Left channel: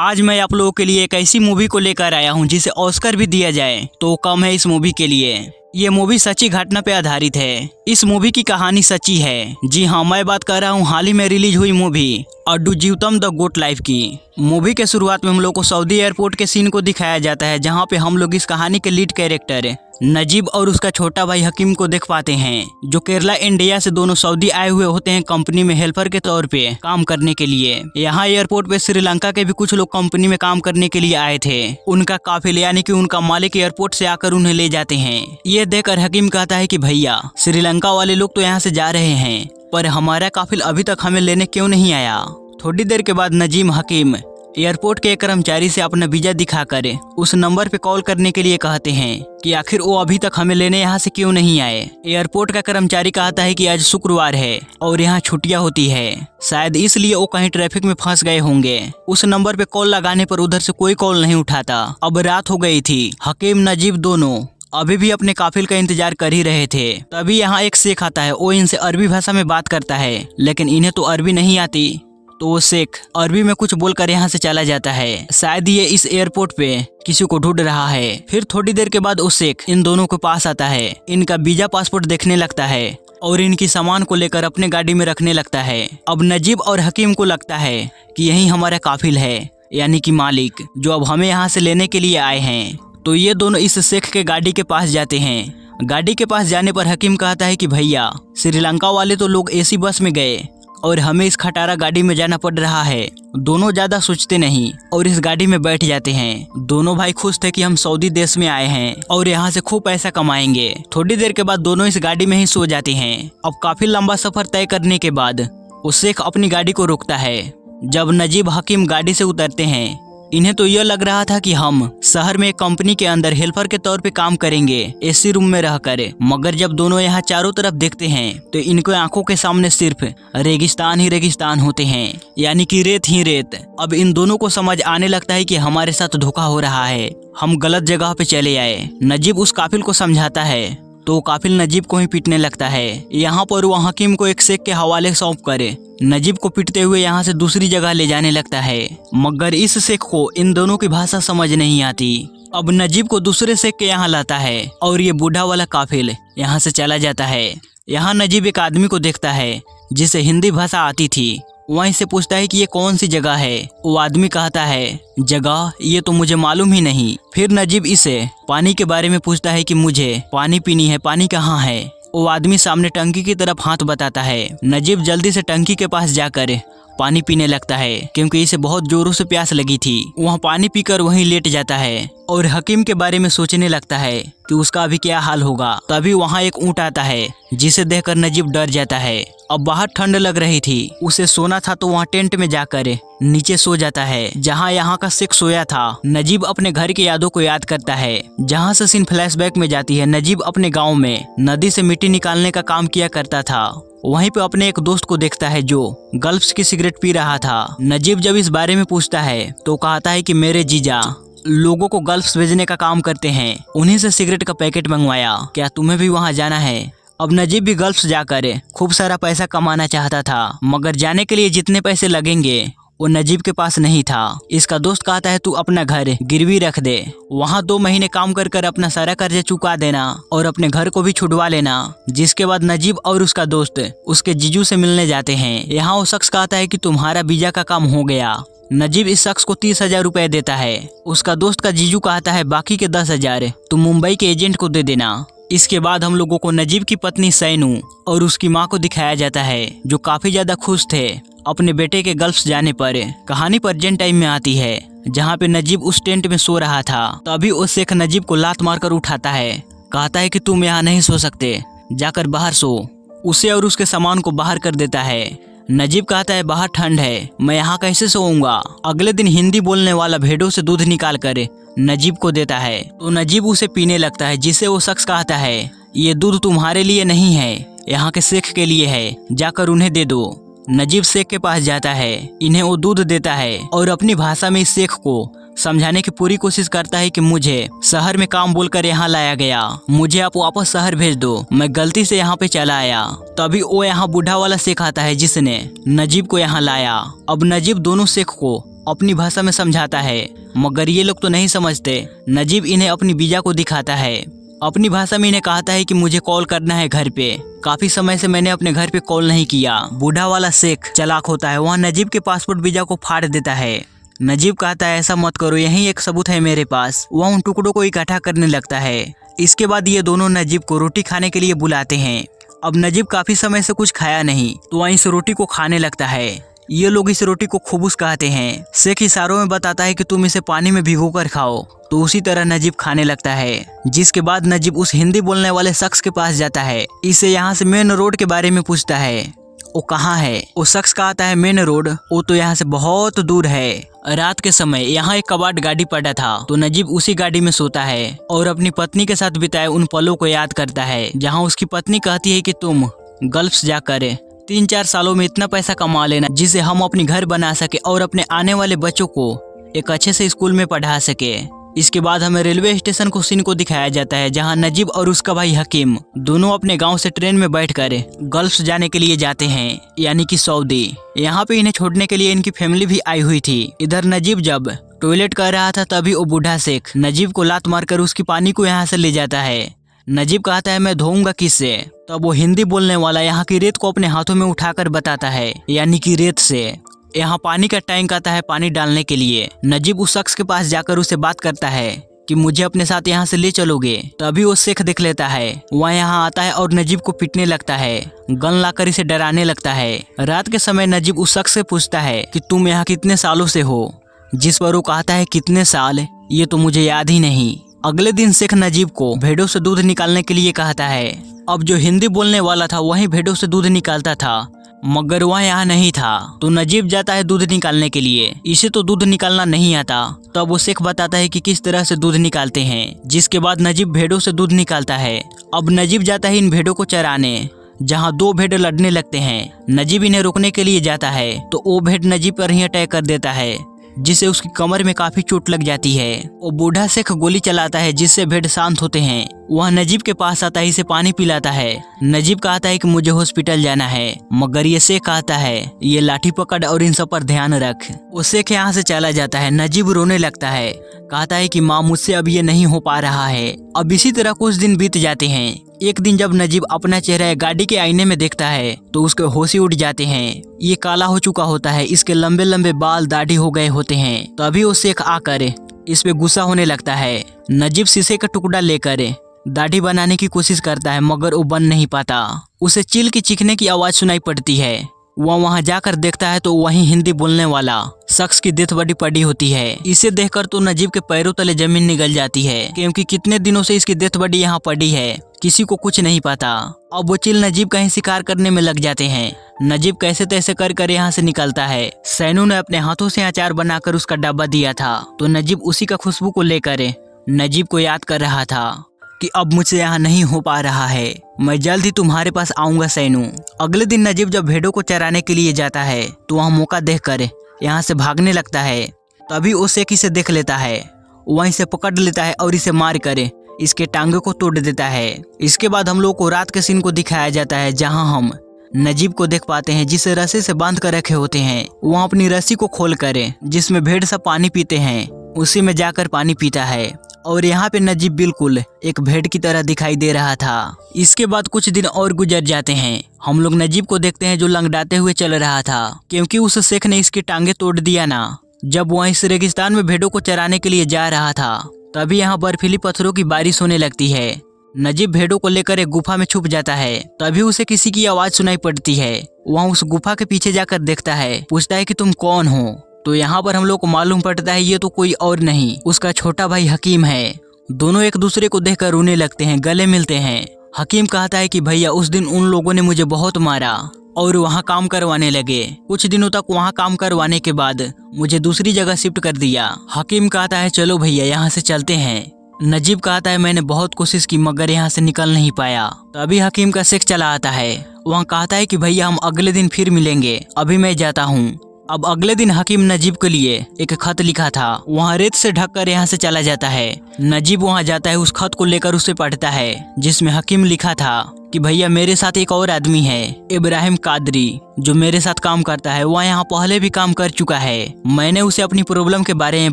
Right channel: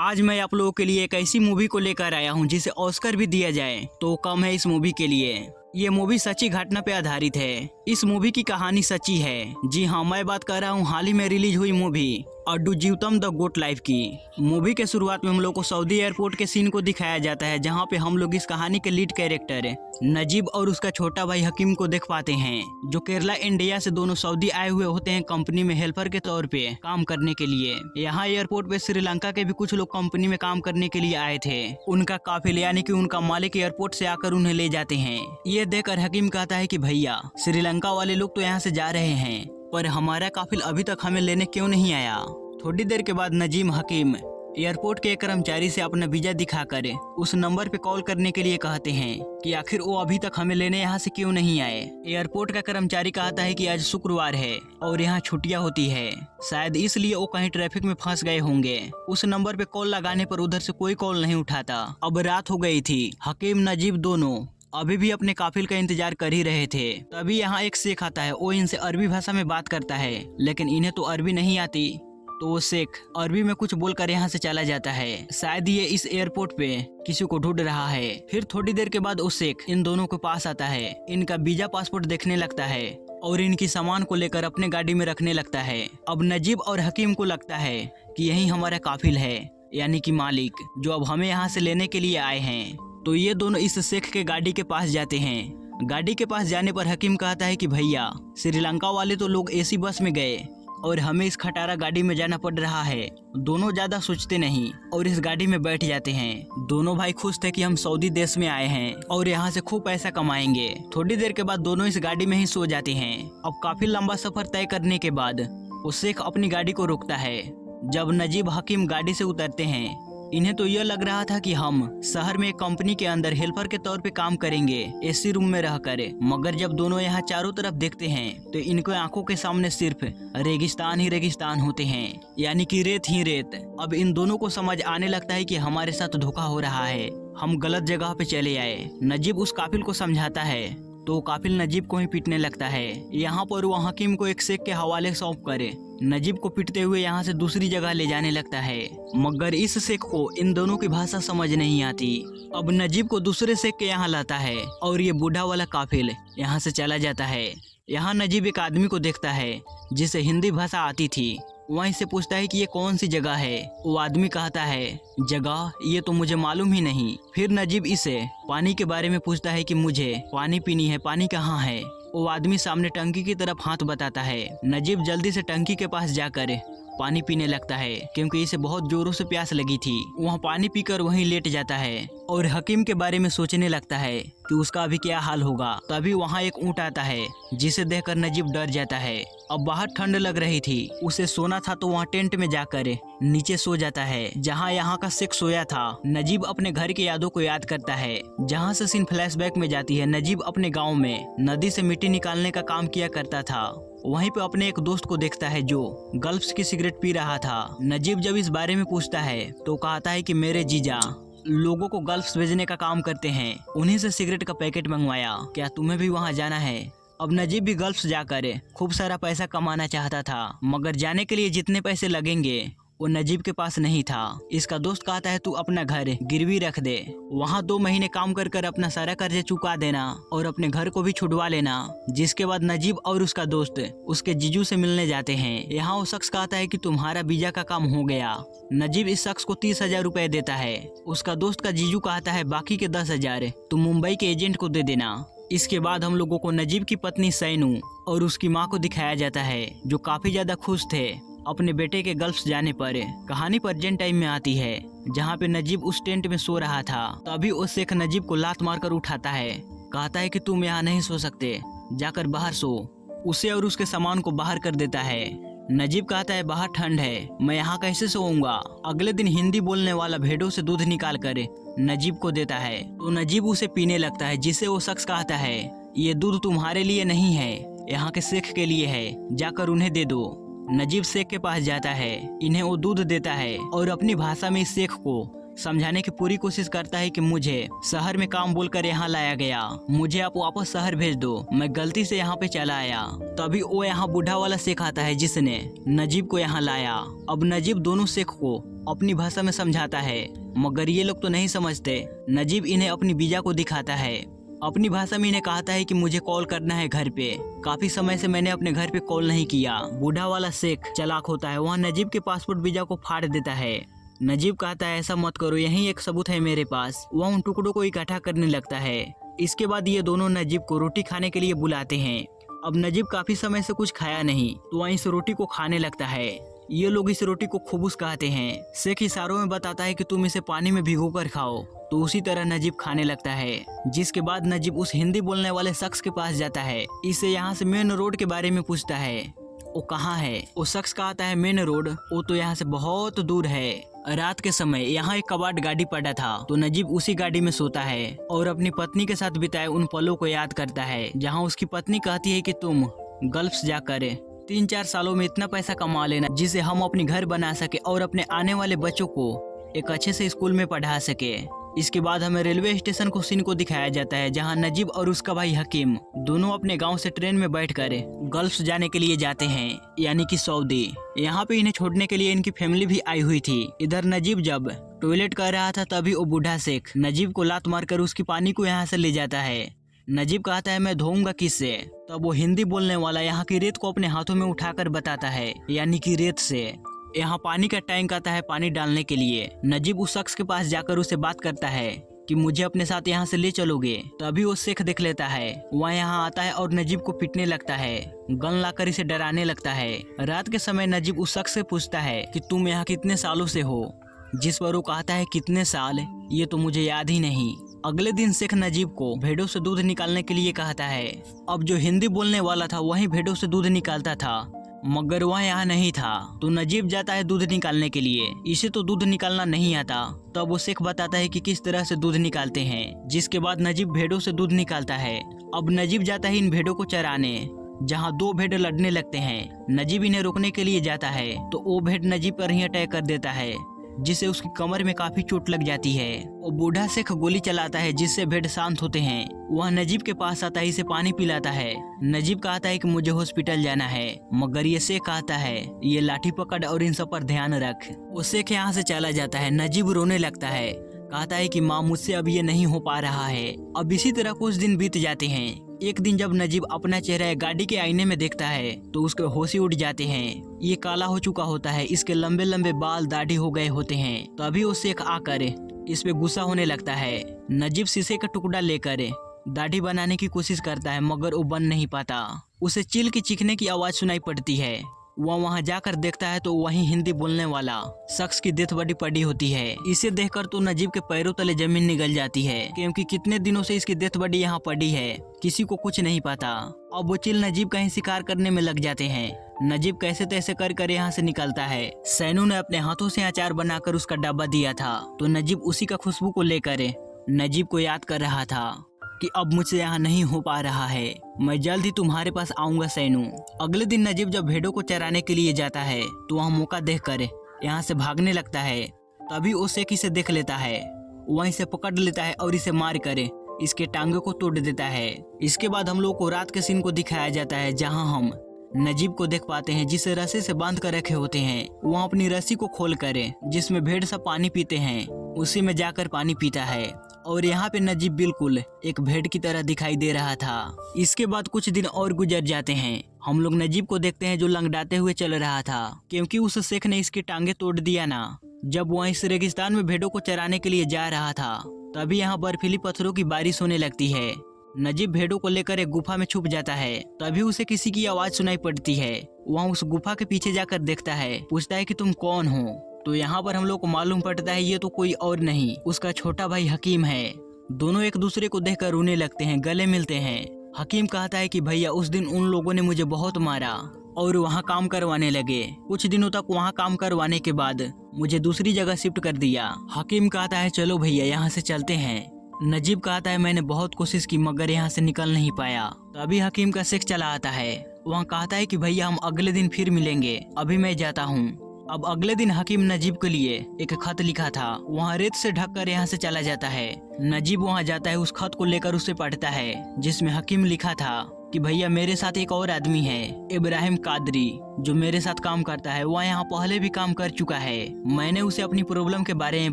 आज मैं आप लोगों के लिए एक ऐसी मूवी को लेकर आया हूं जिसे ऑस्कर भी दिया जाए तो कम है इस मूवी के लिए। ये मूवी सच्ची घटना पे आधारित है। इस मूवी की कहानी सच्ची है। जी हाँ, मैं बात कर रहा हूँ हाल ही में रिलीज हुई movie Aadujeevitham the goat life की। मूवी के शुरुआत में हम लोग को सऊदी एयरपोर्ट के सीन को दिखाया जाता है, जहाँ पे हम लोग इस कहानी के लीड कैरेक्टर नजीब और उसका छोटा भाई हकीम को देख पाते हैं, जो केरला इंडिया से दोनों सऊदी आए हुए होते हैं कंपनी में हेल्पर के तौर पे काम करने के लिए। यहाँ एयरपोर्ट पे श्रीलंका के भी कुछ लोग कंपनी में काम करने के लिए आए थे। उनका काफिला यानी कि उनका मालिक एयरपोर्ट से आकर उन्हें ले जाते हैं। ये देखकर हकीम कहता है कि भैया, श्रीलंका वाले लोग तो यहाँ से जा रहे हैं, पर हमारा काफिल अभी तक हमें लेने क्यों नहीं आया। थोड़ी देर के बाद नजीम हकीम एयरपोर्ट के एक कर्मचारी से अपना वीजा दिखाकर उस नंबर पे कॉल करने के लिए कहते हैं कि आखिर वो अभी तक हमें लेने यहाँ से क्यों नहीं आए। एयरपोर्ट का कर्मचारी कहता है कि आज शुक्रवार है और यहाँ छुट्टियाँ होती है, शायद इसलिए वो कहीं ट्रैफिक में फंस गए होंगे। उस नंबर पे कॉल लगाने पर उधर से कोई कॉल नहीं उठाता। अब रात हो गई थी। हकीम नजीब दोनों अभी भी अपने काफिल का इंतजार कर ही रहे थे। तभी यहाँ एक शेख आता है। वो इनसे अरबी भाषा में बात करता है, लेकिन इन्हें तो अरबी नहीं आती, तो वो शेख अरबी में कुछ बोलकर यहाँ से चला जाता है। शायद ये इस एयरपोर्ट पे किसी को ढूंढ रहा है। फिर थोड़ी देर के बाद वो शेख इन दोनों के पास आता है, इनका वीजा पासपोर्ट देखने लगता है और इनकी सामान को लेकर अपने गाड़ी में रखने लगता है। अब नजीब और हकीम को लगता है कि यही हमारा काफिल है, यानी कि मालिक, जो अब हमें यहाँ से लेने के लिए आए हैं। तो ये दोनों इस शेख के गाड़ी के पास जाते हैं। गाड़ी के पास जाने पर हकीम कहता है कि भैया, श्रीलंका वाले तो लोग एसी बस में गए और हमें इस खटारा गाड़ी में जाना पड़ रहा है। दोनों ज्यादा सोचते नहीं और इस गाड़ी में बैठ जाते हैं। दोनों भाई खुश थे कि हम सऊदी देश में आए हैं और यहाँ से खूब पैसा कमाएंगे। थोड़ी देर के बाद दोनों इस गाड़ी में ही सो जाते हैं। अब काफी लंबा सफर तय करने के बाद वो शेख अपनी गाड़ी को रोकता है। जब नजीब हकीम गाड़ी से उतरते हैं, इन्हें तो यह लग रहा था कि हम शहर में एक कंपनी के अंदर हेल्पर के तौर पे काम करेंगे, एसी रूम में रहकर। मगर जब दोनों यहाँ चारों तरफ देखते हैं तो इनको आंखों के सामने सिर्फ रेगिस्तान ही रेगिस्तान होते हैं, यानी कि रेत ही रेत। अब इन दोनों को समझ आने लगता है कि हमारे साथ धोखा हो रहा है, हम गलत जगह पे चले आए। नजीब उस काफिल को समझाता है तो काफिल नजीब को ही पीटने लगता है। यहाँ पर वो हकीम को एक शेख के हवाले सौंप कर नजीब को पीटते हुए यहाँ से दूसरी जगह ले जाने लगता है। मगर इस शेख को इन दोनों की भाषा समझ नहीं आती। अब नजीब को दूसरे शेख के यहाँ लाता है और ये बूढ़ा वाला काफिल यहाँ से चला जाता है। यहाँ नजीब एक आदमी को देखता है जिसे हिंदी भाषा आती थी। वहीं से पूछता है कि ये कौन सी जगह है। वो आदमी कहता है, जगह ये तो मुझे मालूम ही नहीं। फिर नजीब इसे पानी के बारे में पूछता है कि मुझे पानी पीनी है, पानी कहाँ है। वो आदमी सामने टंकी की तरफ हाथ बताता है। नजीब जल्दी से टंकी के पास जाकर पानी पीने लगता है, क्योंकि इसे बहुत जोरों से प्यास लगी थी। वहाँ पानी पीकर वहीं लेट जाता है और हकीम के बारे में सोचने लगता है कि उसका अभी क्या हाल होगा। तभी वहाँ एक ऊँट आता है, जिसे देखकर नजीब डर जाता है। अब बाहर ठंड लग रही थी, उसे सोना था तो वहाँ टेंट में जाकर नीचे सो जाता है, जहाँ यहाँ का शेख सोया था। नजीब अपने घर की यादों को याद करता है, जहाँ से सीन फ्लैशबैक में जाती है। नजीब अपने गांव में नदी से मिट्टी निकालने का काम किया करता था। वहीं पे अपने एक दोस्त को देखता है जो गल्फ्स की सिगरेट पी रहा था। नजीब जब इस बारे में पूछता है तो कहता है कि मेरे जीजा लोगों को गल्फ्स भेजने का काम करते हैं, उन्हीं से सिगरेट का पैकेट मंगवाया, क्या तुम्हें भी वहाँ जाना है। अब नजीब भी गल्फ्स जाकर खूब सारा पैसा कमाना चाहता था, मगर जाने के लिए जितने पैसे लगेंगे वो नजीब के पास नहीं था। इसका दोस्त कहता है तू अपना घर गिरवी रख दे, वहाँ 2 महीने काम कर कर अपना सारा कर्जा चुका देना और अपने घर को भी छुड़वा लेना। जिसके बाद नजीब और उसका दोस्त उसके जीजू से मिलने जाते हैं। यहाँ वो शख्स कहता है कि तुम्हारा वीजा का काम हो गया। नजीब इस शख्स को 30,000 रुपए देता है। उसका दोस्त का जीजू कहता है बाकी के 10,000 तुम मुंबई के एजेंट को दे देना। इसके बाद हम लोगों को नजीब की पत्नी सैनू और उसकी माँ को दिखाया जाता है, जो काफी ज्यादा खुश थे अपने बेटे के गल्फ जाने पर। कहानी प्रेजेंट टाइम में आती है, जहाँ पे नजीब उस टेंट में सो रहा था। तभी वो शेख नजीब को लात मारकर उठाता है, कहता है कि तुम यहाँ नहीं सो सकते, जाकर बाहर सो। उसे और उसके सामान को बाहर कर देता है। नजीब कहता है बाहर ठंड है, मैं यहाँ कैसे सोऊंगा। अगले दिन हिंदी बोलने वाला भेड़ों से दूध निकाल कर नजीब को देता है, तो नजीब उसे पीने लगता है, जिसे वो शख्स कहता है ये दूध तुम्हारे लिए नहीं है, यहाँ के शेख के लिए है, जाकर उन्हें दे दो। नजीब शेख के पास जाता है, इन्हें वो दूध देता है और अपनी भाषा में इस शेख को समझाने की पूरी कोशिश करता है कि मुझे शहर में काम बोलकर यहाँ लाया गया, मुझे आप वापस शहर भेज दो, मैं गलती से यहाँ पे चला आया। तभी वो यहाँ बूढ़ा वाला शेख आता है जिसने नजीब को यहाँ लाया। अब नजीब दोनों शेख को अपनी भाषा में समझाता है, मगर ये लोग तो नहीं समझते। नजीब इन्हें अपनी वीजा को दिखाता है। अपनी भाषा में इन्हें कहता है कि मुझे कॉल करना है घर पे, काफी समय से मैंने अपने घर पे कॉल नहीं किया। बूढ़ा वाला शेख चालाक होता है, वहाँ नजीब के पासपोर्ट वीजा को फाड़ देता है। नजीब कहता है ऐसा मत करो, यही एक सबूत है मेरे पास। वह उन टुकड़ों को इकट्ठा करने लगता है। इसके बाद ये दोनों नजीब को रोटी खाने के लिए बुलाते हैं। अब नजीब काफी समय से कुछ खाया नहीं, तो वहीं इस रोटी को खाने लगता है। ये लोग इस रोटी को खुबूस कहते हैं। शेख इशारों में बताता है कि तुम इसे पानी में भिगो कर खाओ, तो उसी तरह नजीब खाने लगता है। जिसके बाद नजीब उस हिंदी बोलने वाले शख्स के पास जाता है। इससे यहाँ से मेन रोड के बारे में पूछता है, वो कहाँ है। वो शख्स कहता है मेन रोड, वो तो यहाँ से बहुत दूर है। रात के समय यहाँ एक कबाड़ गाड़ी पड़ा था, तो नजीब उसी गाड़ी में सोता है और अपनी पत्नी के साथ बिताए उन पलों को याद करता है, जहाँ उसकी पत्नी कहती है कि तुम गल्फ जाकर 3-4 सालों में इतना पैसा कमा लेना जिसे हम अपनी घर बना सके और अपने आने वाले बच्चों को एक अच्छे से स्कूल में पढ़ा सके। इसके बाद हमें रेलवे स्टेशन को सीन को दिखाया जाता है, जहां नजीब और उसका भाई हकीम दोनों अपने गांव से ट्रेन में बैठकर गल्फ जाने के लिए जाते हैं, यानी कि सऊदी। यहाँ पे इन्हें छोड़ने के लिए इनकी फैमिली भी आई हुई थी। इधर नजीब जब टॉयलेट कर रहा था, तभी वो बूढ़ा शेख नजीब को लात मारकर उसकी पानी को यहाँ से ले जाता है। नजीब कहता है मैं धोऊंगा किससे। तब वो हिंदी बोलने वाला यहाँ की रेत को अपने हाथों में उठाकर बताता है, यानी कि रेत से यहाँ पानी का टैंक आता है पानी डालने के लिए। नजीब उस शख्स के पास जाकर उसे बात करता है कि मुझे अपने साथ यहाँ से ले चलोगे। तभी वो शेख देख लेता है, वह यहाँ आता है और नजीब को पीटने लगता है, गन लाकर इसे डराने लगता है। रात के समय नजीब उस शख्स से पूछता है कि तुम यहाँ कितने सालों से हो, जिस पर वो कहता है कितने साल, ये तो मुझे याद ही नहीं। अगले दिन शेख नजीब को भेड़ों से दूध निकालने के लिए कहता है। अब जो हिंदी बोलने वाला था वही भेड़ों से दूध निकालता था, मगर वह यहाँ नहीं था, तो नजीब जाता है दूध निकालने के लिए। इसे तो दूध निकालना नहीं आता। तब वो शेख बताता है कि किस तरह से दूध निकालते हैं, जिसके बाद नजीब भेड़ों से दूध निकालता है। अब नजीब जाता है इन भेड़ों को चराने, जहाँ 2 भेड़ लड़ने लगते हैं। नजीब इन्हें रोकने के लिए जाता है, तो वो भेड़ नजीब पर ही अटैक कर देता है, जिससे उसकी कमर में काफी चोट लग जाती है। वो बूढ़ा शेख गोली चलाता है, जिससे भेड़ शांत होते हैं। वह नजीब के पास आता है, इसे पानी पिलाता है। नजीब कहता है कि मुझे हॉस्पिटल जाना है, मगर ये शेख कहता है ये लाठी पकड़ और इन सब पर ध्यान रख। वो शेख यहाँ से चला जाता है। नजीब रोने लगता है, कहता है कि माँ मुझसे अब ये नहीं हो पा रहा है। अब इसी तरह कुछ दिन बीत जाते हैं। एक दिन जब नजीब अपना चेहरा गाड़ी के आईने में देखता है, तो उसके होश ही उड़ जाते हैं। ये काला हो चुका होता है, इसके लंबे लंबे बाल दाढ़ी हो गए होते हैं। तभी वो शेख आकर इस पे गुस्सा होने लगता है। नजीब शीशे का टुकड़ा लेकर दाढ़ी बनाने की कोशिश करता है, मगर वो बन नहीं पाता। उसे चील की चीखने की आवाज सुनाई पड़ती है। वह वहां जाकर देखता है तो वहीं हिंदी बोलने वाला शख्स की डेथ बॉडी पड़ी होती है। इसे देखकर तो नजीब के पैरों तले जमीन निगल जाती है, क्योंकि कितने दिनों से इसकी डेथ बॉडी यहाँ पड़ी है, किसी को कुछ नहीं पता। अब वो चील नजीब कहीं शिकार करने में लग जाते हैं। नजीब कैसे तैसे कर यहाँ से निकलता है। सैनू ने अपने हाथों से अचार बनाकर उसका डब्बा दिया था, तो नजीब उसी का खुशबू को लेकर नजीब को याद कर रहा था कि अब मुझसे यहाँ नहीं हो पा रहा है, मैं जल्द ही तुम्हारे पास आऊंगा सैनू। अगले दिन नजीब जब भेड़ों को चराने के लिए जाता है, तो वहाँ मौका देखकर यहाँ से भागने लगता है। तभी वो शेख इसे देख लेता है, वहीं से पकड़ लेता है और इसे मार कर इसके टांगे को तोड़ देता है। इसके बाद हम लोग को रात के सीन को दिखाया जाता है, जहाँ हम नजीब को देख पाते हैं, जिसे रस्सी से बांध कर रखे होते हैं। वहाँ अपनी रस्सी को खोल कर जिसमें भेड़ सब पानी पीते हैं, उसी में जाकर पानी पीता है। और यहाँ पे नजीब बिल्कुल एक भेड़ की तरह दिखाई दे रहा था। इसके बाद कुछ दिन और गुजर जाते हैं। हम लोग नजीब को देखते हैं जो लंगड़ाते हुए चल रहा था, क्योंकि उस शेख ने इसकी टांगे तोड़ दिया ना। जब वह इस रेगिस्तान में भेड़ों को चराने के लिए जा रहा था, तभी यहाँ बर्फीली पत्थरों की बारिश होने लगती है। नजीब भेड़ों को लेकर एक गुफा में छुप जाता है। तभी उसे किसी की आवाज सुनाई पड़ती है। वहाँ उस गुफा के पीछे जाकर देखता है, पूछता है कि तुम कौन हो। तो यहाँ पर हम लोग को मालूम पड़ता है ये तो कोई और नहीं, उसका छोटा भाई हकीम है। दोनों एक दूसरे को देखकर रोने लगते हैं, गले मिलते हैं। हकीम कहता है कि भैया उस दिन उन लोगों ने मुझे बहुत मारा और वहाँ काम करवाने लगे। कुछ दिनों तक वहाँ काम करवाने के बाद मुझे दूसरी जगह शिफ्ट कर दिया। हकीम कहता है चलो भैया यहाँ से चलते हैं। नजीब कहता है मैंने बहुत कोशिश की, मगर यहाँ से निकल नहीं पाया। तभी हकीम का शेख चला आता है। वहाँ कहता है कि भैया हम अगले दिन फिर मिलेंगे, अभी मैं जाता हूँ। अब अगले दिन हकीम नजीब के लिए एक खत लिखा था, वहाँ रेत से ढककर यहाँ से चला जाता है। नजीब वहाँ जाता है, उस खत को लेकर उसे पढ़ता है, जिसमें हकीम लिखा था कि भैया मेरे साथ एक और आदमी है, इब्राहिम कादरी, जो मेरे साथ काम करता है। वह यहाँ पहले भी काम कर चुका है। मैंने उसे अपनी प्रॉब्लम के बारे में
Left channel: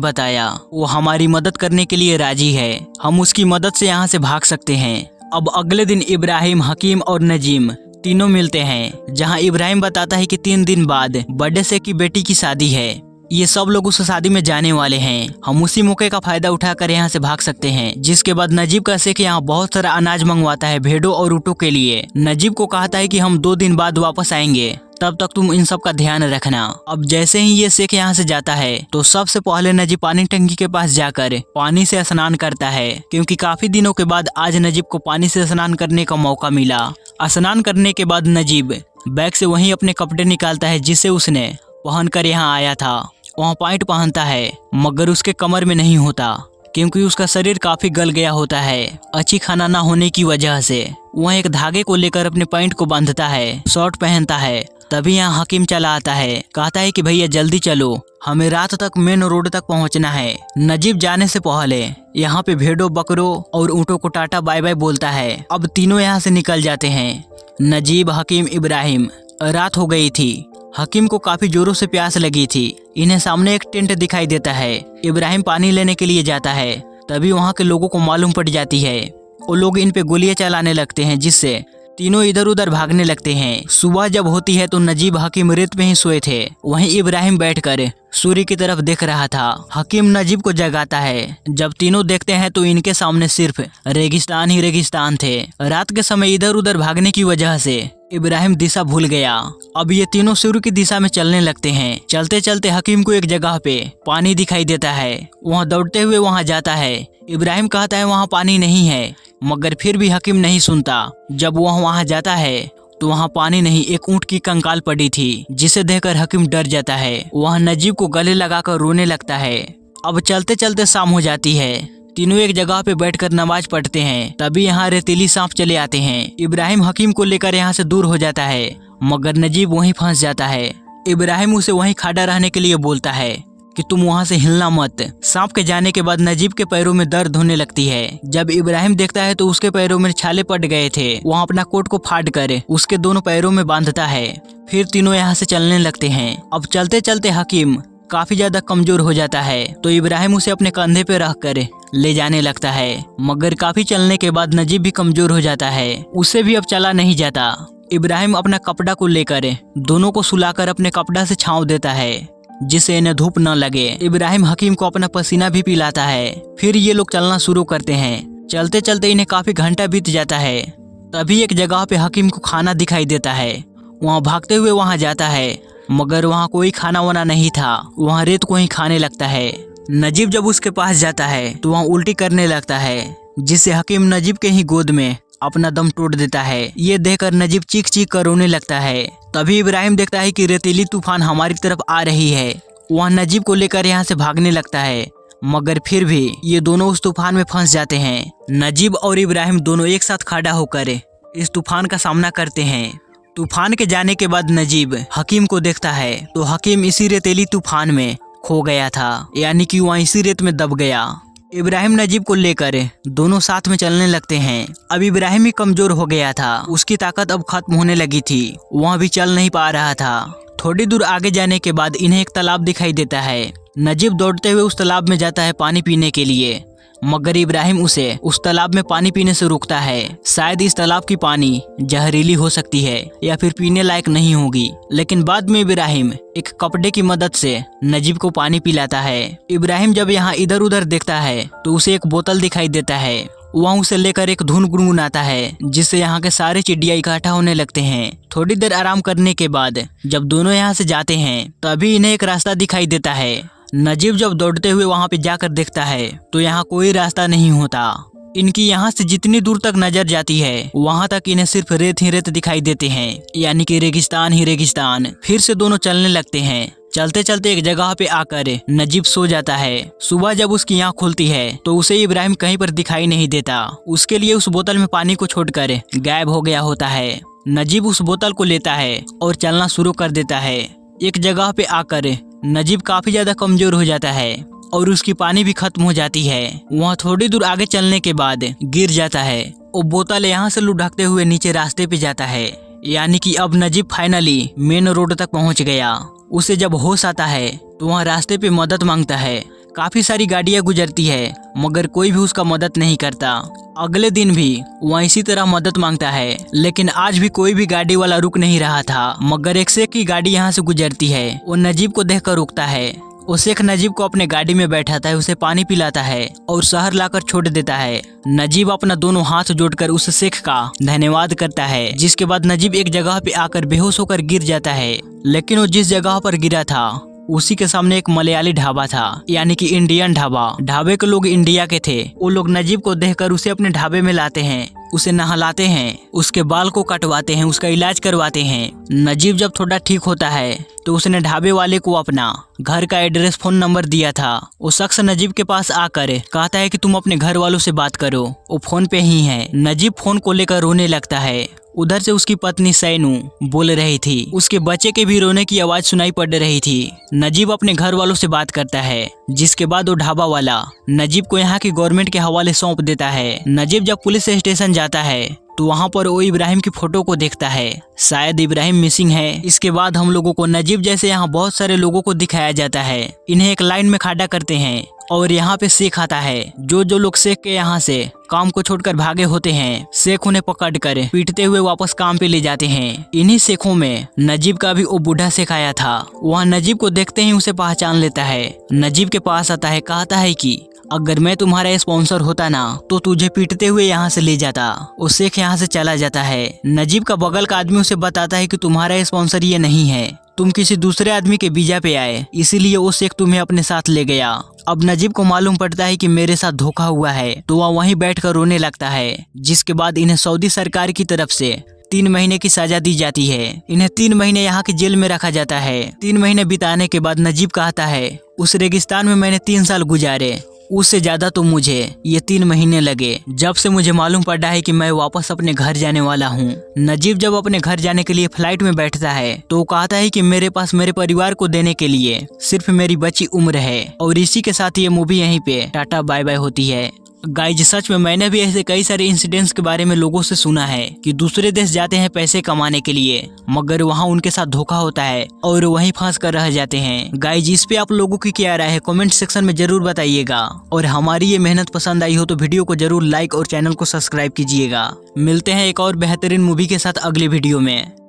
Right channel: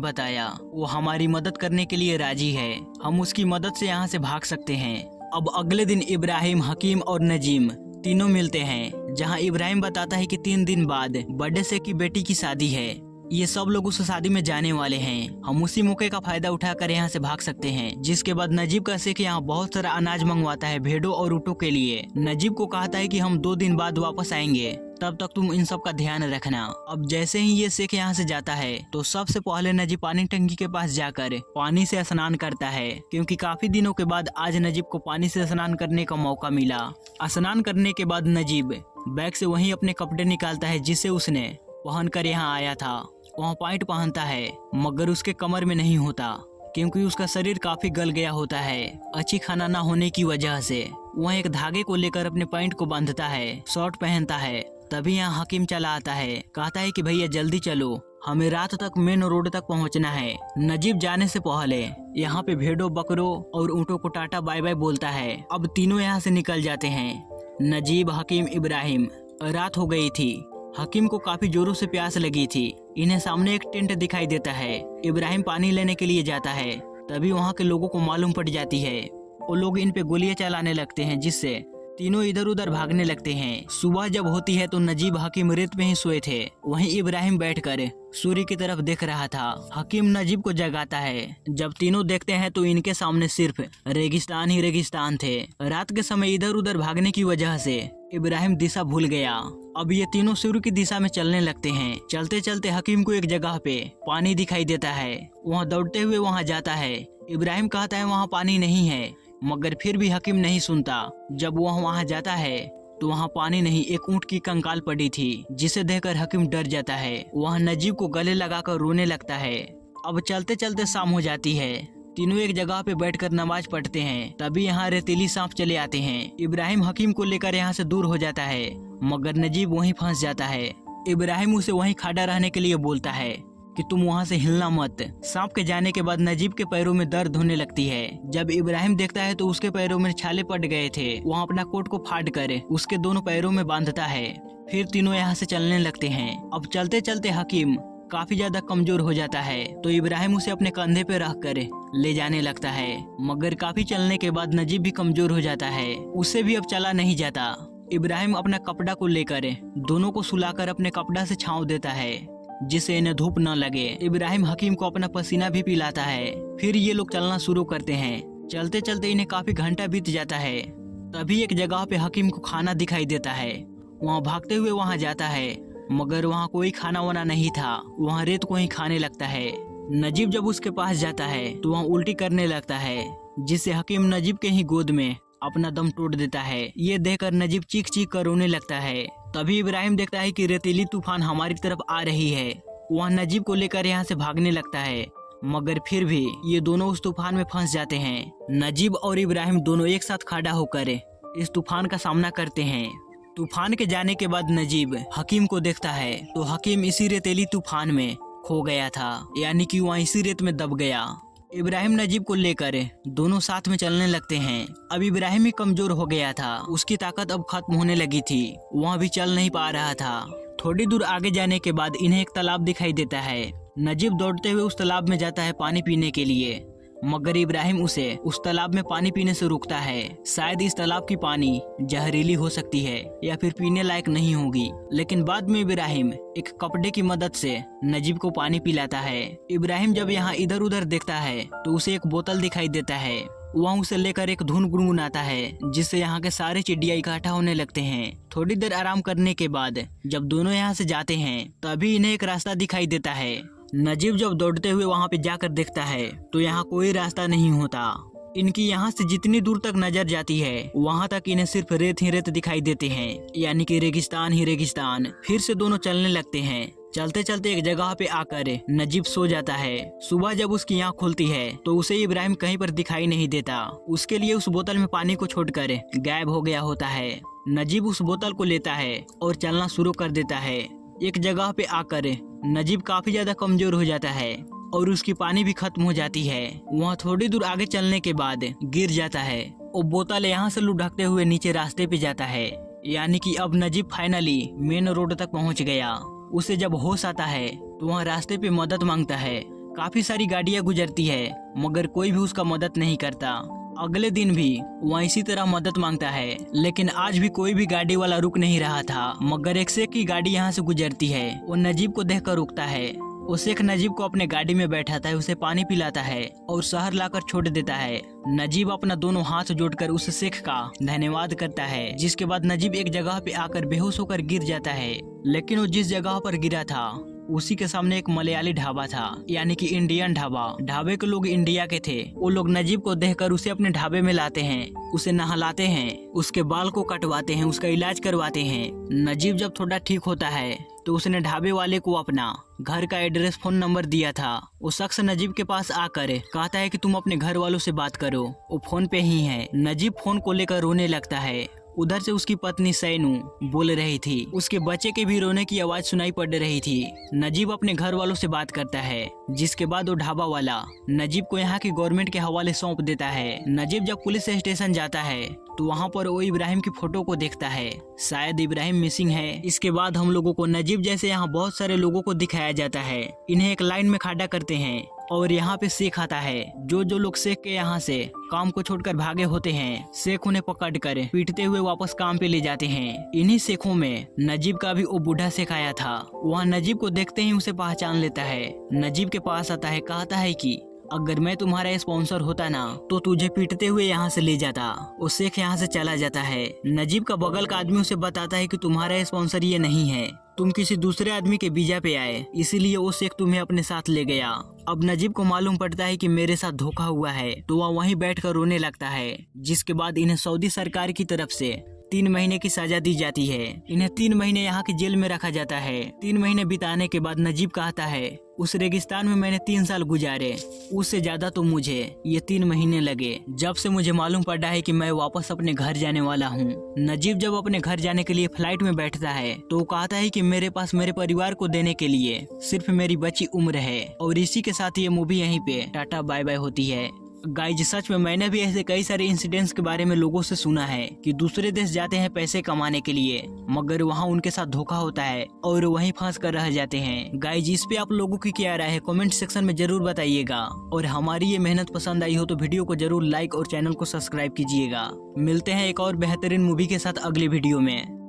बताया। वो हमारी मदद करने के लिए राजी है। हम उसकी मदद से यहाँ से भाग सकते हैं। अब अगले दिन इब्राहिम, हकीम और नजीम तीनों मिलते हैं, जहाँ इब्राहिम बताता है कि 3 दिन बाद बड़े शेख की बेटी की शादी है। ये सब लोग उस शादी में जाने वाले हैं। हम उसी मौके का फायदा उठाकर यहाँ से भाग सकते हैं। जिसके बाद नजीब का शेख यहाँ बहुत सारा अनाज मंगवाता है भेड़ों और ऊँटों के लिए। नजीब को कहता है कि हम 2 दिन बाद वापस आएंगे, तब तक तुम इन सब का ध्यान रखना। अब जैसे ही ये शेख यहाँ से जाता है तो सबसे पहले नजीब पानी टंकी के पास जाकर पानी से स्नान करता है, क्योंकि काफी दिनों के बाद आज नजीब को पानी से स्नान करने का मौका मिला। स्नान करने के बाद नजीब बैग से वही अपने कपड़े निकालता है जिसे उसने पहन कर यहाँ आया था। वहाँ पैंट पहनता है, मगर उसके कमर में नहीं होता, क्योंकि उसका शरीर काफी गल गया होता है अच्छी खाना ना होने की वजह से। वह एक धागे को लेकर अपने पैंट को बांधता है, शर्ट पहनता है। तभी यहाँ हकीम चला आता है, कहता है कि भैया जल्दी चलो, हमें रात तक मेन रोड तक पहुँचना है। नजीब जाने से पहले यहाँ पे भेड़ों, बकरों और ऊँटों को टाटा बाय बाय बोलता है। अब तीनों यहाँ से निकल जाते हैं, नजीब, हकीम, इब्राहिम। रात हो गई थी। हकीम को काफी जोरों से प्यास लगी थी। इन्हें सामने एक टेंट दिखाई देता है। इब्राहिम पानी लेने के लिए जाता है। तभी वहाँ के लोगों को मालूम पड़ जाती है। वो लोग इन पे गोलियां चलाने लगते हैं, जिससे तीनों इधर उधर भागने लगते हैं। सुबह जब होती है तो नजीब, हकीम रेत में ही सोए थे। वहीं इब्राहिम बैठकर सूर्य की तरफ देख रहा था। हकीम नजीब को जगाता है। जब तीनों देखते हैं तो इनके सामने सिर्फ रेगिस्तान ही रेगिस्तान थे। रात के समय इधर उधर भागने की वजह से इब्राहिम दिशा भूल गया। अब ये तीनों सूर्य की दिशा में चलने लगते हैं। चलते चलते हकीम को एक जगह पे पानी दिखाई देता है। वहाँ दौड़ते हुए वहाँ जाता है। इब्राहिम कहता है वहाँ पानी नहीं है, मगर फिर भी हकीम नहीं सुनता। जब वह वहाँ जाता है तो वहाँ पानी नहीं, एक ऊँट की कंकाल पड़ी थी, जिसे देखकर हकीम डर जाता है। वह नजीब को गले लगाकर रोने लगता है। अब चलते चलते शाम हो जाती है। तीनों एक जगह पे बैठकर नमाज पढ़ते हैं। तभी यहाँ रेतीली सांप चले आते हैं। इब्राहिम हकीम को लेकर यहाँ से दूर हो जाता है, मगर नजीब वहीं फंस जाता है। इब्राहिम उसे वहीं खड़ा रहने के लिए बोलता है कि तुम वहाँ से हिलना मत। सांप के जाने के बाद नजीब के पैरों में दर्द होने लगती है। जब इब्राहिम देखता है तो उसके पैरों में छाले पड़ गए थे। वहाँ अपना कोट को फाड़ कर उसके दोनों पैरों में बांधता है। फिर तीनों यहाँ से चलने लगते हैं। अब चलते चलते हकीम काफी ज्यादा कमजोर हो जाता है, तो इब्राहिम उसे अपने कंधे पे रख कर ले जाने लगता है। मगर काफी चलने के बाद नजीब भी कमजोर हो जाता है, उससे भी अब चला नहीं जाता। इब्राहिम अपना कपड़ा को लेकर दोनों को सुलाकर अपने कपड़ा से छांव देता है, जिससे इन्हें धूप न लगे। इब्राहिम हकीम को अपना पसीना भी पिलाता है। फिर ये लोग चलना शुरू करते हैं। चलते चलते इन्हें काफी घंटा बीत जाता है। तभी एक जगह पे हकीम को खाना दिखाई देता है। वहाँ भागते हुए वहाँ जाता है, मगर वहाँ कोई खाना वाना नहीं था। वहाँ रेत को ही खाने लगता है। नजीब जब उसके पास जाता है तो वहाँ उल्टी करने लगता है, जिससे हकीम नजीब के ही गोद में अपना दम तोड़ देता है। ये देखकर नजीब चीख चीख कर रोने लगता है। तभी इब्राहिम देखता है कि रेतीली तूफान हमारी तरफ आ रही है। वह नजीब को लेकर यहाँ से भागने लगता है, मगर फिर भी ये दोनों उस तूफान में फंस जाते हैं। नजीब और इब्राहिम दोनों एक साथ खड़ा होकर इस तूफान का सामना करते हैं। तूफान के जाने के बाद नजीब हकीम को देखता है तो हकीम इसी रेतीली तूफान में खो गया था, यानी कि वहाँ इसी रेत में दब गया। इब्राहिम नजीब को लेकर दोनों साथ में चलने लगते हैं। अब इब्राहिम ही कमजोर हो गया था, उसकी ताकत अब खत्म होने लगी थी। वहाँ भी चल नहीं पा रहा था। थोड़ी दूर आगे जाने के बाद इन्हें एक तालाब दिखाई देता है। नजीब दौड़ते हुए उस तालाब में जाता है पानी पीने के लिए, मगर इब्राहिम उसे उस तालाब में पानी पीने से रोकता है। शायद इस तालाब की पानी जहरीली हो सकती है या फिर पीने लायक नहीं होगी। लेकिन बाद में इब्राहिम एक कपड़े की मदद से नजीब को पानी पिलाता है। इब्राहिम जब यहाँ इधर उधर देखता है तो उसे एक बोतल दिखाई देता है। वहाँ उसे लेकर एक धुन गुनगुनाता है, जिससे यहाँ के सारे चिड़िया इकट्ठा होने लगते हैं। थोड़ी देर आराम करने के बाद जब दोनों यहाँ से जाते हैं तभी इन्हें एक रास्ता दिखाई देता है। नजीब जब दौड़ते हुए वहाँ पे जाकर देखता है तो यहाँ कोई रास्ता नहीं होता। इनकी यहाँ से जितनी दूर तक नजर जाती है वहाँ तक इन्हें सिर्फ रेत ही रेत दिखाई देते हैं, यानी कि रेगिस्तान ही रेगिस्तान। फिर से दोनों चलने लगते हैं। चलते चलते एक जगह पे आकर नजीब सो जाता है। सुबह जब उसकी आँख खुलती है तो उसे इब्राहिम कहीं पर दिखाई नहीं देता। उसके लिए उस बोतल में पानी को छोड़कर गायब हो गया होता है। नजीब उस बोतल को लेता है और चलना शुरू कर देता है। एक जगह पे आकर नजीब काफी ज्यादा कमजोर हो जाता है। और उसकी पानी भी खत्म हो जाती है। वहाँ थोड़ी दूर आगे चलने के बाद गिर जाता है और बोतल यहाँ से लुढ़कते हुए नीचे रास्ते पे जाता है। यानी कि अब नजीब फाइनली मेन रोड तक पहुँच गया। उसे जब होश आता है तो वहाँ रास्ते पे मदद मांगता है। काफी सारी गाड़ियां गुजरती है मगर कोई भी उसका मदद नहीं करता। अगले दिन भी वह इसी तरह मदद मांगता है, लेकिन आज भी कोई भी गाड़ी वाला रुक नहीं रहा था। मगर एक शेख की गाड़ी यहाँ से गुजरती है। वो नजीब को देखकर रुकता है। वो शेख नजीब को अपने गाड़ी में बैठाता है, उसे पानी पिलाता है और शहर लाकर छोड़ देता है। नजीब अपना दोनों हाथ जोड़कर उस शेख का धन्यवाद करता है। जिसके बाद नजीब एक जगह पे आकर बेहोश होकर गिर जाता है। लेकिन वो जिस जगह पर गिरा था उसी के सामने एक मलयाली ढाबा था, यानी कि इंडियन ढाबा। ढाबे के लोग इंडिया के थे। वो लोग नजीब को देखकर उसे अपने ढाबे में लाते हैं, उसे नहलाते हैं, उसके बाल को कटवाते हैं, उसका इलाज करवाते हैं। नजीब जब थोड़ा ठीक होता है तो उसने ढाबे वाले को अपना घर का एड्रेस, फोन नंबर दिया था। वो शख्स नजीब के पास आकर कहता है कि तुम अपने घर वालों से बात करो, वो फोन पे ही है। नजीब फोन को लेकर रोने लगता है। उधर से उसकी पत्नी सैनू बोल रही थी। उसके बच्चे के भी रोने की आवाज सुनाई पड़ रही थी। नजीब अपने घर वालों से बात करता है, जिसके बाद वो ढाबा वाला नजीब को यहाँ की गवर्नमेंट के हवाले सौंप देता है। नजीब जब पुलिस स्टेशन जाता है तो वहाँ पर वो इब्राहिम की फोटो को देखता है। शायद इब्राहिम मिसिंग है। इसके बाद हम लोगों को नजीब जैसे यहाँ बहुत सारे लोगों को दिखाया जाता है। इन्हें एक लाइन में खड़ा करते हैं और यहाँ पे शेख आता है। जो लोग शेख के यहाँ से काम को छोड़कर भागे होते हैं, शेख उन्हें पकड़कर पीटते हुए वापस काम पे ले जाते हैं। इन्हीं शेखों में नजीब का भी वो बूढ़ा शेख आया था। वह नजीब को देखते ही उसे पहचान लेता है। नजीब के पास आता है, कहता है कि अगर मैं तुम्हारा स्पॉन्सर होता ना तो तुझे पीटते हुए यहाँ से ले जाता। वो शेख यहाँ से चला जाता है। नजीब का बगल का आदमी उसे बताता है कि तुम्हारा स्पॉन्सर ये नहीं है, तुम किसी दूसरे आदमी के वीजा पे आए, इसीलिए वो शेख तुम्हें अपने साथ ले गया। अब नजीब को मालूम पड़ता है कि मेरे साथ धोखा हुआ है, तो वह वहीं बैठकर रोने लगता है। जिसके बाद इन्हें सऊदी सरकार की तरफ से 3 महीने की सजा दी जाती है। इन्हें 3 महीने यहाँ की जेल में रखा जाता है। 3 महीने बिताने के बाद नजीब कहता है, उस रेगिस्तान में मैंने 3 साल गुजारे, उससे ज्यादा तो मुझे ये 3 महीने लगे, जब से मुझे मालूम पड़ा है कि मैं वापस अपने घर जाने वाला हूँ। नजीब जब अपने घर जाने के लिए फ्लाइट में बैठता है तो वो कहता है कि मेरे पास मेरे परिवार को देने के लिए सिर्फ मेरी बची उम्र है। और इसी के साथ ये मूवी यहीं पे टाटा बाय बाय होती है। गाइज सच में मैंने भी ऐसे कई सारे इंसिडेंट्स के बारे में लोगों से सुना है कि दूसरे देश जाते हैं पैसे कमाने के लिए, मगर वहाँ उनके साथ धोखा होता है और वहीं फंस कर रह जाते हैं। गाइज इस पे आप लोगों की क्या राय है कमेंट सेक्शन में जरूर बताइएगा। और हमारी ये मेहनत पसंद आई हो तो वीडियो को जरूर लाइक और चैनल को सब्सक्राइब कीजिएगा। मिलते हैं एक और बेहतरीन मूवी के साथ अगले वीडियो में।